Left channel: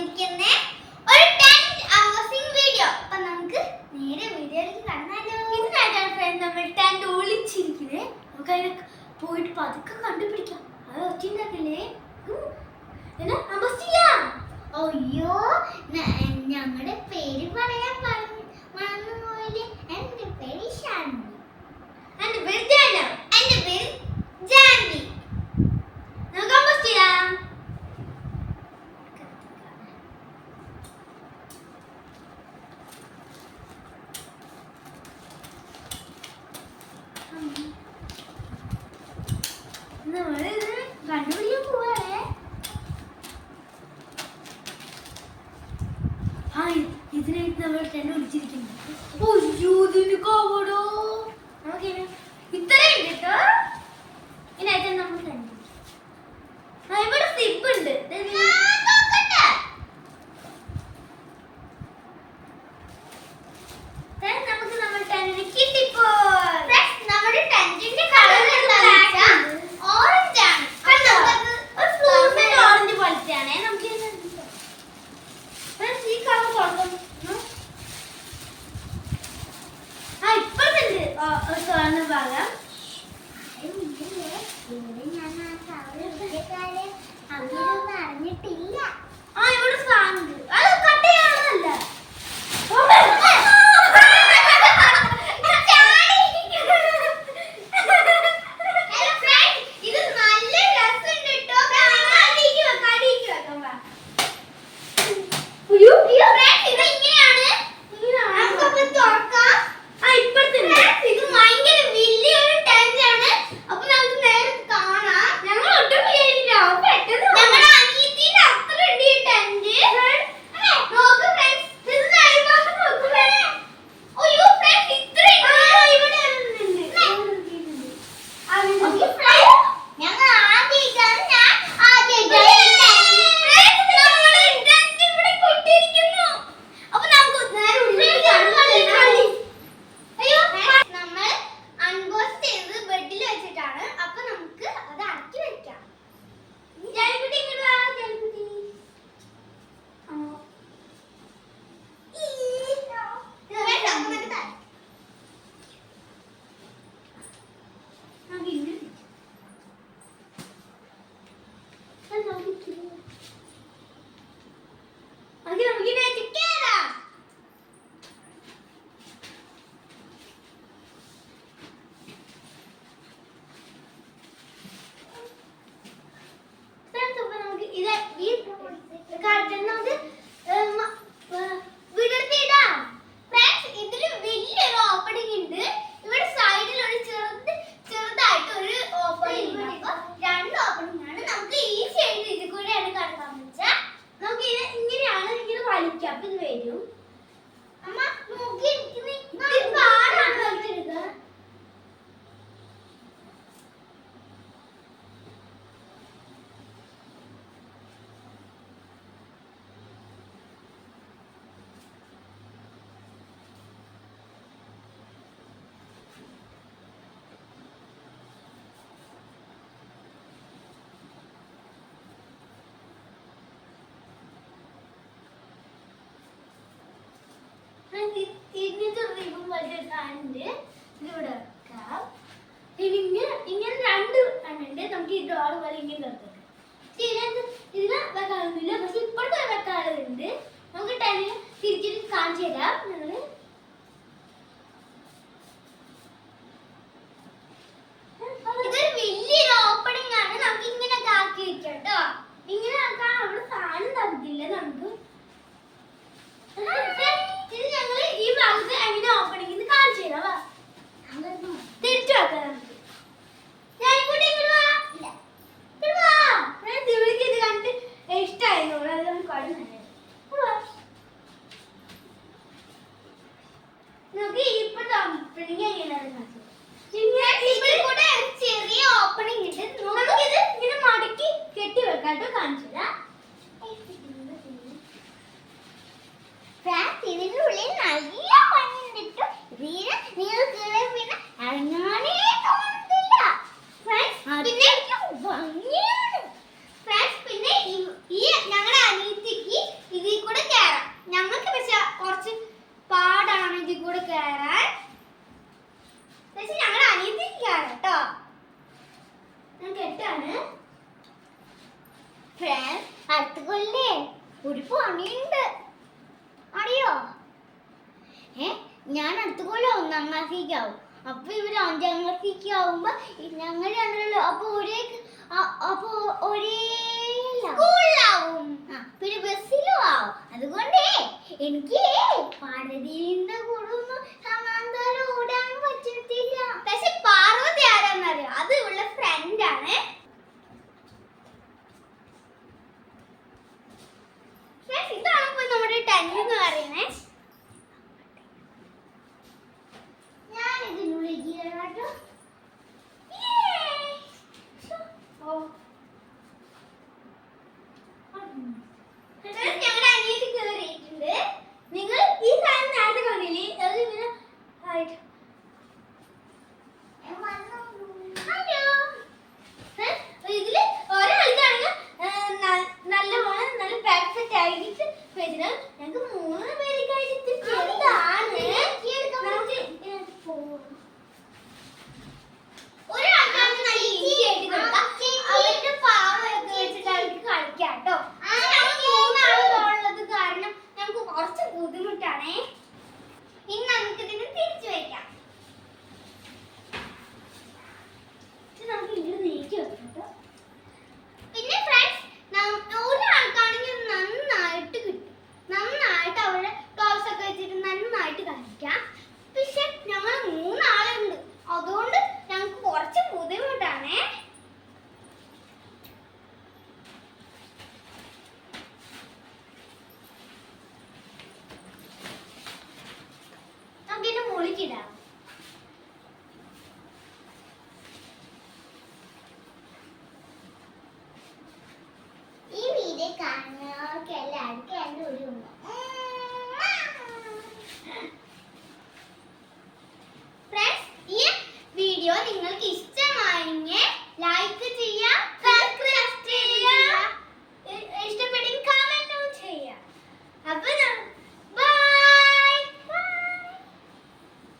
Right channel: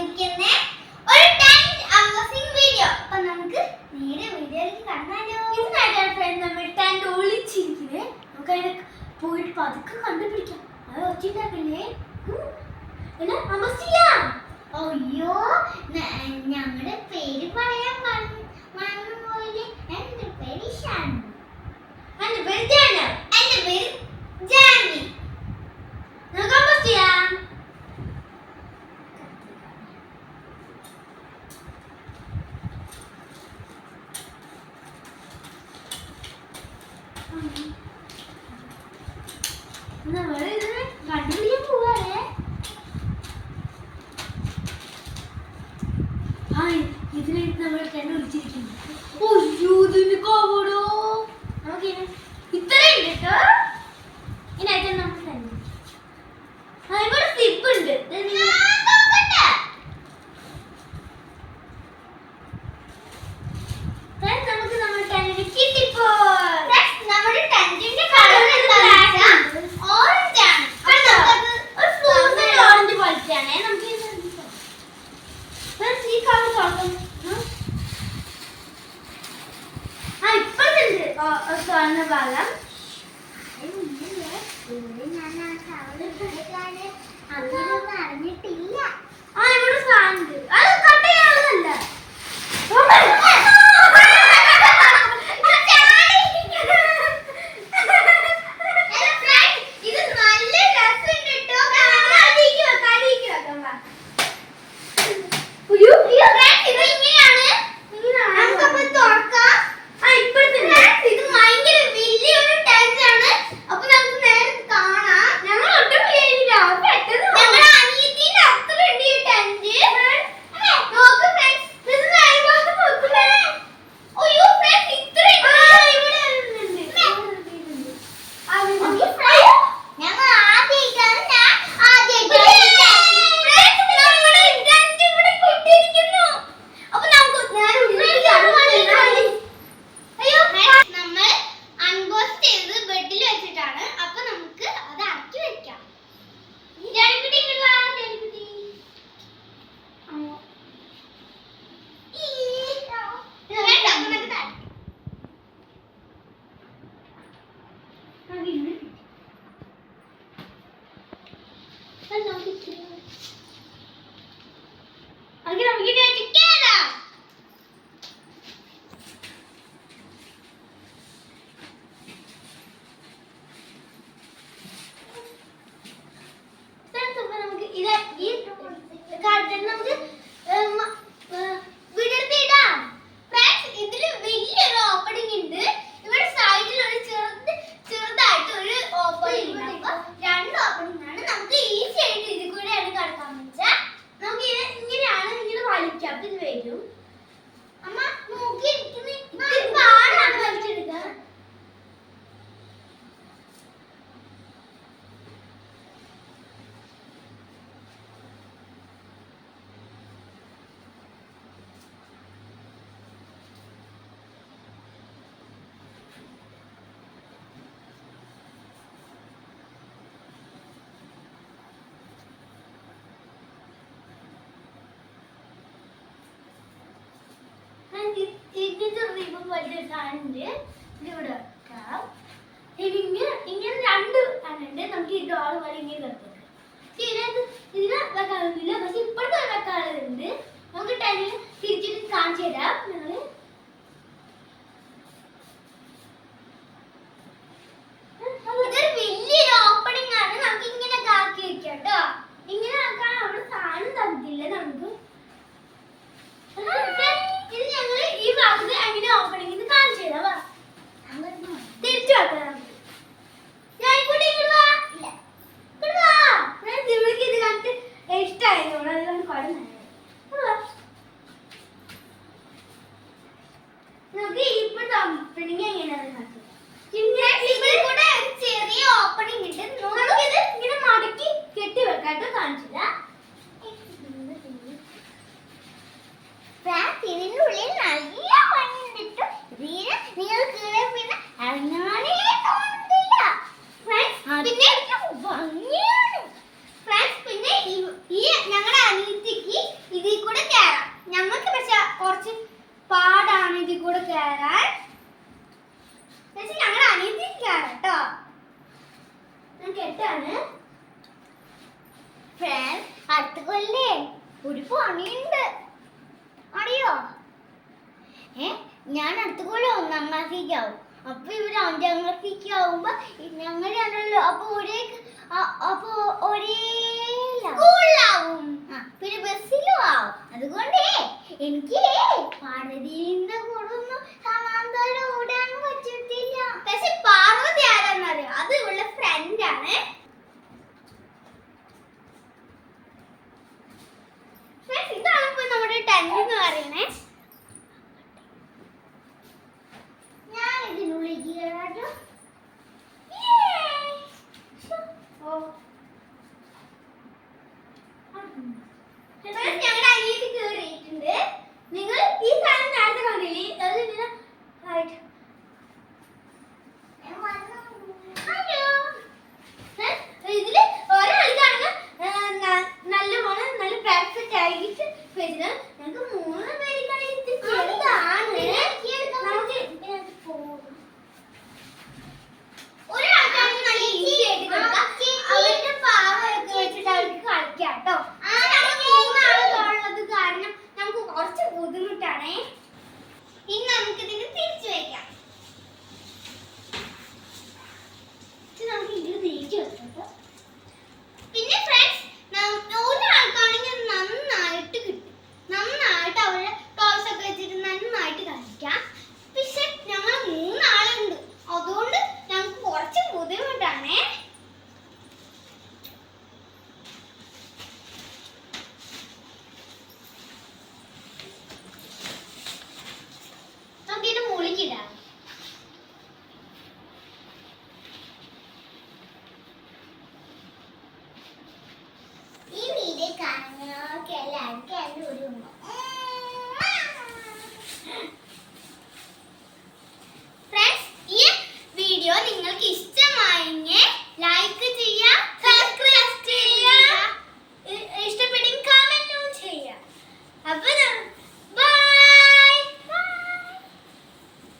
വന്നിരിക്കുന്ന ഒരു tent unboxing video. അപ്പൊ നമുക്ക് നേരെ വീഡിയോയിലേക്ക് കടന്നാലോ. ഇതിനായിട്ടാണ് ഫ്രണ്ട് നമ്മൾ ടെന്റ് ഒളിച്ചിരിക്കുന്നത്. നമുക്ക് അതിനെ പോയിട്ട് പതുക്കെ കണ്ടുപിടിക്കാം. അത് ഒറ്റയില്ലേ അൺബോക്സ് ചെയ്യാം. അയ്യോ ഞങ്ങളുടെ പേര് പറയാൻ മറന്നു പോയില്ലേ. എന്റെ പേര് ഷാൻവി. എന്റെ പേര് ജാനു. എന്റെ പേര് ജാൻവി. നമുക്ക് അൺബോക്സ് ചെയ്യാം. നമ്മളിത് കണ്ടുപിടിക്കാൻ പോവാണേ. ഇതിനെ നമ്മൾ കണ്ടുപിടിച്ചിരിക്കുന്നു. അയ്യോ ഇതിന് കോവടോ നമുക്ക് ഇത്രയും കേട്ടോ. ഇതിനായിട്ട് നമ്മൾ കണ്ടുപിടിക്കും. ഇവിടെ സിപ്പ് ഉണ്ട്. നമുക്ക് നമ്മുടെ ടെന്റിന് കിട്ടിപ്പോ. നമ്മുടെ ടെന്റിന്റെ കളർ എന്താണെന്ന് വെച്ചാൽ ഓറഞ്ച് ആണ്. ഒരു ഫ്ലൂസിന്റെ ഓറഞ്ച് പോലത്തെയാണ്. നമുക്ക് ഈ കളർ തുറക്കും. ഇപ്പഴുണ്ട് സ്വർണ്ണ ഭാഗം. അറിഞ്ഞിട്ടില്ല. ഇവിടെ സാധനം അത് കട്ട് ചെയ്യാവുന്നല്ല. ഇതിന്റെ റിബൺ വലിയ സാധനമുണ്ട്. ഇതിവിടെ വെക്കാം. ഇങ്ങനെ രണ്ട് ഉണ്ട്. നമുക്ക് ഈ ഡോർ പോലെ ഇങ്ങനെ വെക്കാം. ഇതിന് വെക്കാറില്ല. പക്ഷെ ഇപ്പോഴത്തെ വെക്കാറുണ്ട്. നമുക്ക് ടൈം തിരിച്ചിട്ട് കാണിച്ചു തരാം. ഞങ്ങള് ഇതൊരു വലിയൊരു ഓപ്പണിംഗ് ആണ്. നമുക്ക് ഇങ്ങനെ ആക്കി വെക്കാം കേട്ടോ. ഇങ്ങനെ ആക്കാൻ അവിടെ സാധനം തന്നിട്ടില്ല നമുക്ക്. ഇത് ഞങ്ങള് ഈ ഭാഗത്ത് എങ്ങനെ ഓപ്പണിംഗ് കാണിച്ചു തരാം. തിരിച്ചു വെക്കാം നമുക്ക്. ഇത് കണ്ടിട്ട് ഇഷ്ടമായിരുന്നു. അത് നമുക്ക് ഇപ്പൊ ഓപ്പണിംഗ് എങ്ങനെയാണെന്ന് ചെറിയ ഓപ്പണിംഗ് ഉണ്ട്. നമുക്കിത് ഇങ്ങനെ മടക്കി കെട്ടി വെക്കാട്ടോ. കാണിച്ചു തരാം. ഇതിനുള്ളിൽ നല്ല ഭംഗിയുണ്ട്. നിങ്ങൾ കീഴെ പിന്നെ ഇറങ്ങാനേ തോന്നുന്നില്ല. പിന്നെ ഭംഗിയാണ്. പിന്നെ ഈ ഞങ്ങളുടെ അനിയത്തിക്ക് ഒരു പണിയുണ്ട് അറിയോ? ഞാൻ അടുത്ത കൊല്ലം 1ാം ക്ലാസ്സിലേക്കാവും. അപ്പൊ ഇവര് 5ാം ക്ലാസ്സിലേക്ക് ആവുമ്പോ ഞങ്ങൾ രണ്ടല്ലോ അപ്പൊ ഒരേ സ്കൂളിലാവും, പിന്നെ ബസ്സിലും ആവും. അതുകൊണ്ടേ എനിക്ക് പാർവതിന്റെ കൂടെ ഒന്നും സമാന്തരം ഓടാൻ പറ്റത്തില്ല. പക്ഷെ പാർവതി ആരാന്നറിയോ? അത് ഇവളുടെ ഫ്രണ്ടാണ്. ഇതാണ് ഇപ്പൊ നമ്മുടെ ടെന്റ് എന്ന് പറയുന്നേ. ഞാൻ ഇതിനുള്ളിൽ കേറാട്ടോ. ഞങ്ങളുടെ അനിയത്തി കേറിയിട്ടുണ്ട്. നിങ്ങൾ ഈ സാധനം നേരത്തെ കണ്ടില്ലേ? അത് ഇങ്ങനെ ഇതില് ഒരാൾക്കാണെങ്കിൽ നല്ല പെർഫെക്റ്റ് ആയിട്ട് ഞങ്ങൾക്ക് 3 പേർക്കായിട്ട് ചെറുതാണ്. ഒരാൾക്കാണെങ്കിൽ നല്ല ഈസി ആയിട്ട് കൊടുക്കാം. അവരുടെ പാവയൊക്കെ വെച്ചിട്ട് അവർക്ക് കളിക്കാം കേട്ടോ. ഉള്ളത് കാരണം നമുക്ക് കുറച്ച് ബുദ്ധിമുട്ടാണേ. ഇനി നമുക്ക് ഇതിന് തിരിച്ചു വയ്ക്കാം.